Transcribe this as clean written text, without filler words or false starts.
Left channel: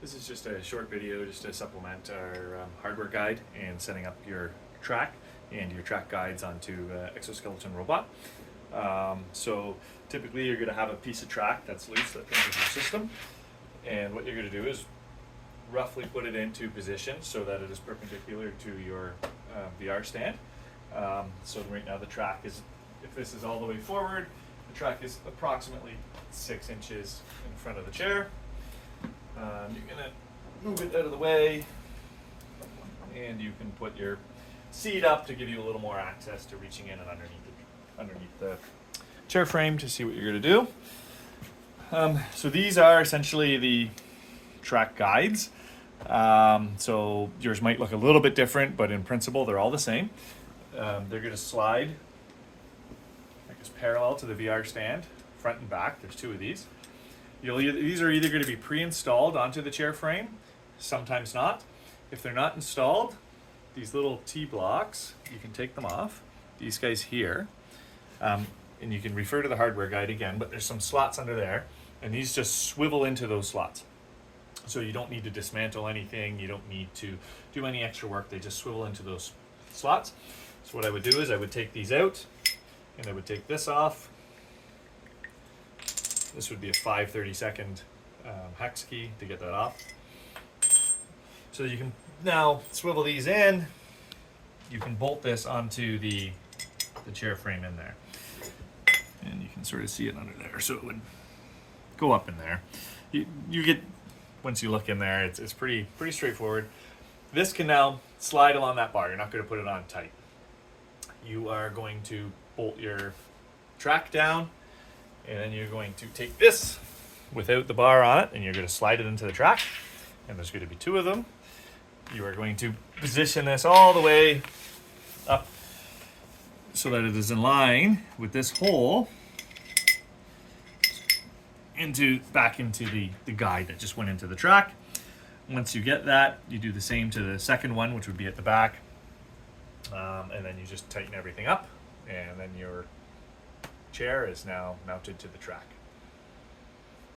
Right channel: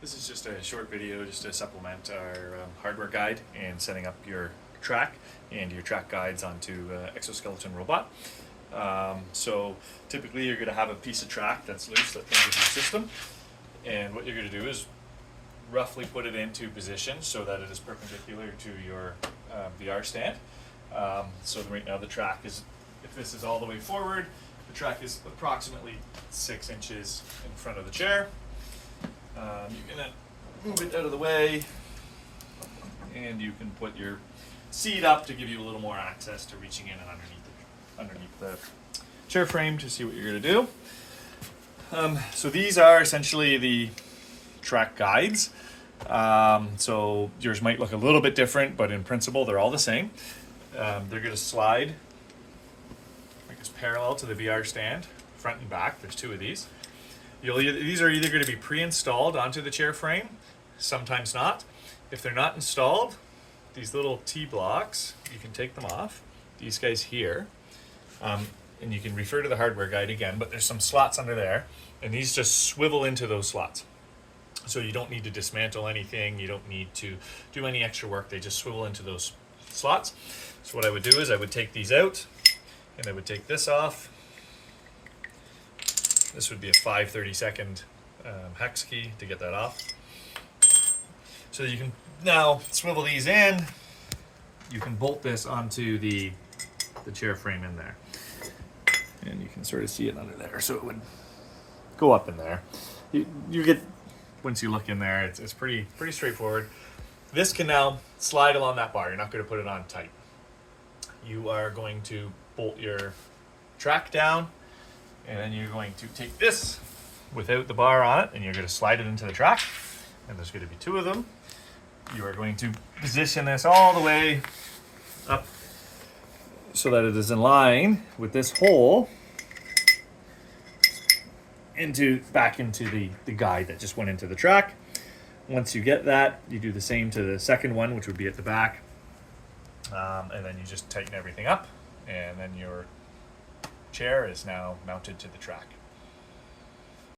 This is just a short video just to supplement our hardware guide and setting up your track and your track guides onto Exoskeleton robot. So typically you're going to have a piece of track that's loose that enters your system, and what you're going to do is roughly put it into position so that it is perpendicular to your VR stand. So right now the track is, if this is all the way forward, the track is approximately 6 inches in front of the chair. You're going to move it out of the way, and you can put your seat up to give you a little more access to reaching in and underneath the chair frame to see what you're going to do. So these are essentially the track guides. So yours might look a little bit different, but in principle they're all the same. They're going to slide, I guess, parallel to the VR stand, front and back. There's 2 of these. These are either going to be pre-installed onto the chair frame, sometimes not. If they're not installed, these little T-blocks, you can take them off, these guys here, and you can refer to the hardware guide again, but there's some slots under there, and these just swivel into those slots. So you don't need to dismantle anything, you don't need to do any extra work, they just swivel into those slots. So what I would do is I would take these out, and I would take this off. This would be a 5/32 hex key to get that off. So you can now swivel these in. You can bolt this onto the chair frame in there. And you can sort of see it under there. So it would go up in there. You get, once you look in there, it's pretty straightforward. This can now slide along that bar. You're not going to put it on tight. You are going to bolt your track down, and then you're going to take this without the bar on it, and you're going to slide it into the track, and there's going to be 2 of them. You are going to position this all the way up so that it is in line with this hole back into the guide that just went into the track. Once you get that, you do the same to the second one, which would be at the back, and then you just tighten everything up, and then your chair is now mounted to the track.